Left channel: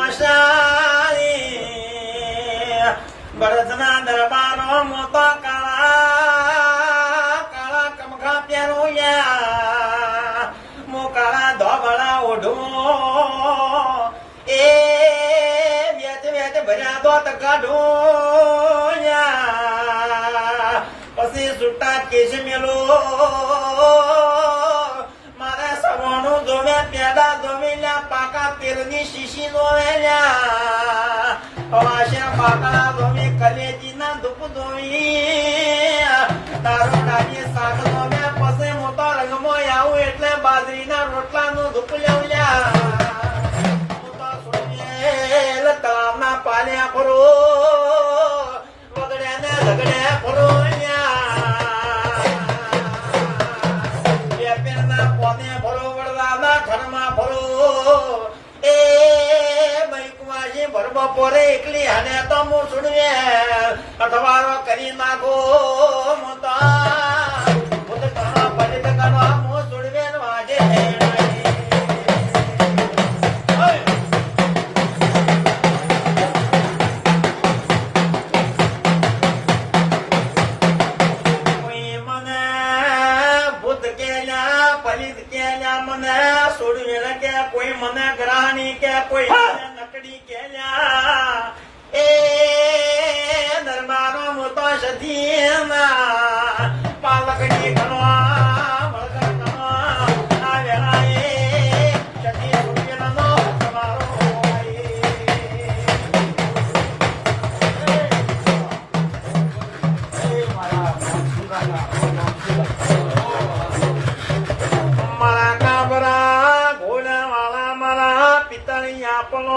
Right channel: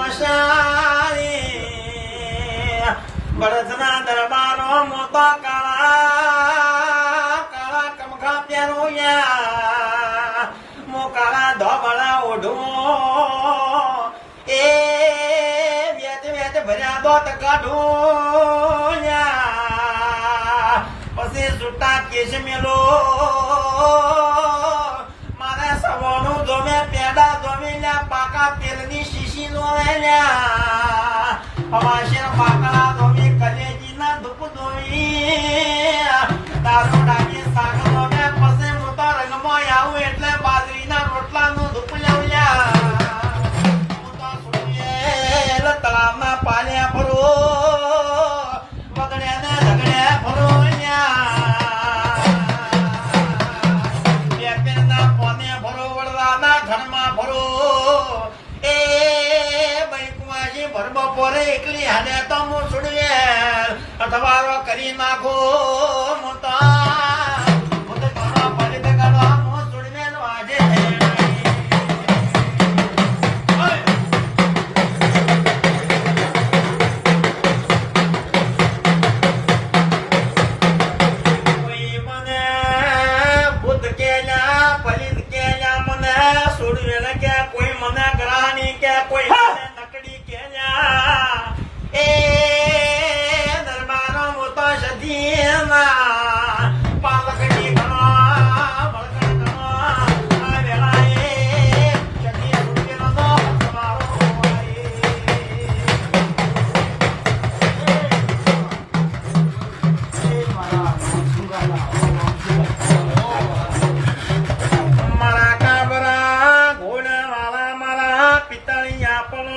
મશાળી ભરતના દરબારો મોતો કાળા કાળા કમખા પહેરું મો કાળા ધોમળા ઓઢું એ વેત વેત ભર્યા દોત કાઢું પછી સુટા કેશ મેલો 你细细落来了，花香花开。રે ઇકની હાના તો મો સુણવે અથવારો કરી માંગો મોતા મોતે પતરા પડીત ગના મો સુડવેલ વાજે ઓય કોઈ મને ભૂત કેનયા પડીત કેનયા મને છોડવેલ કે કોઈ મને ગરાહ ન કે કોઈ પિતાણી આપલો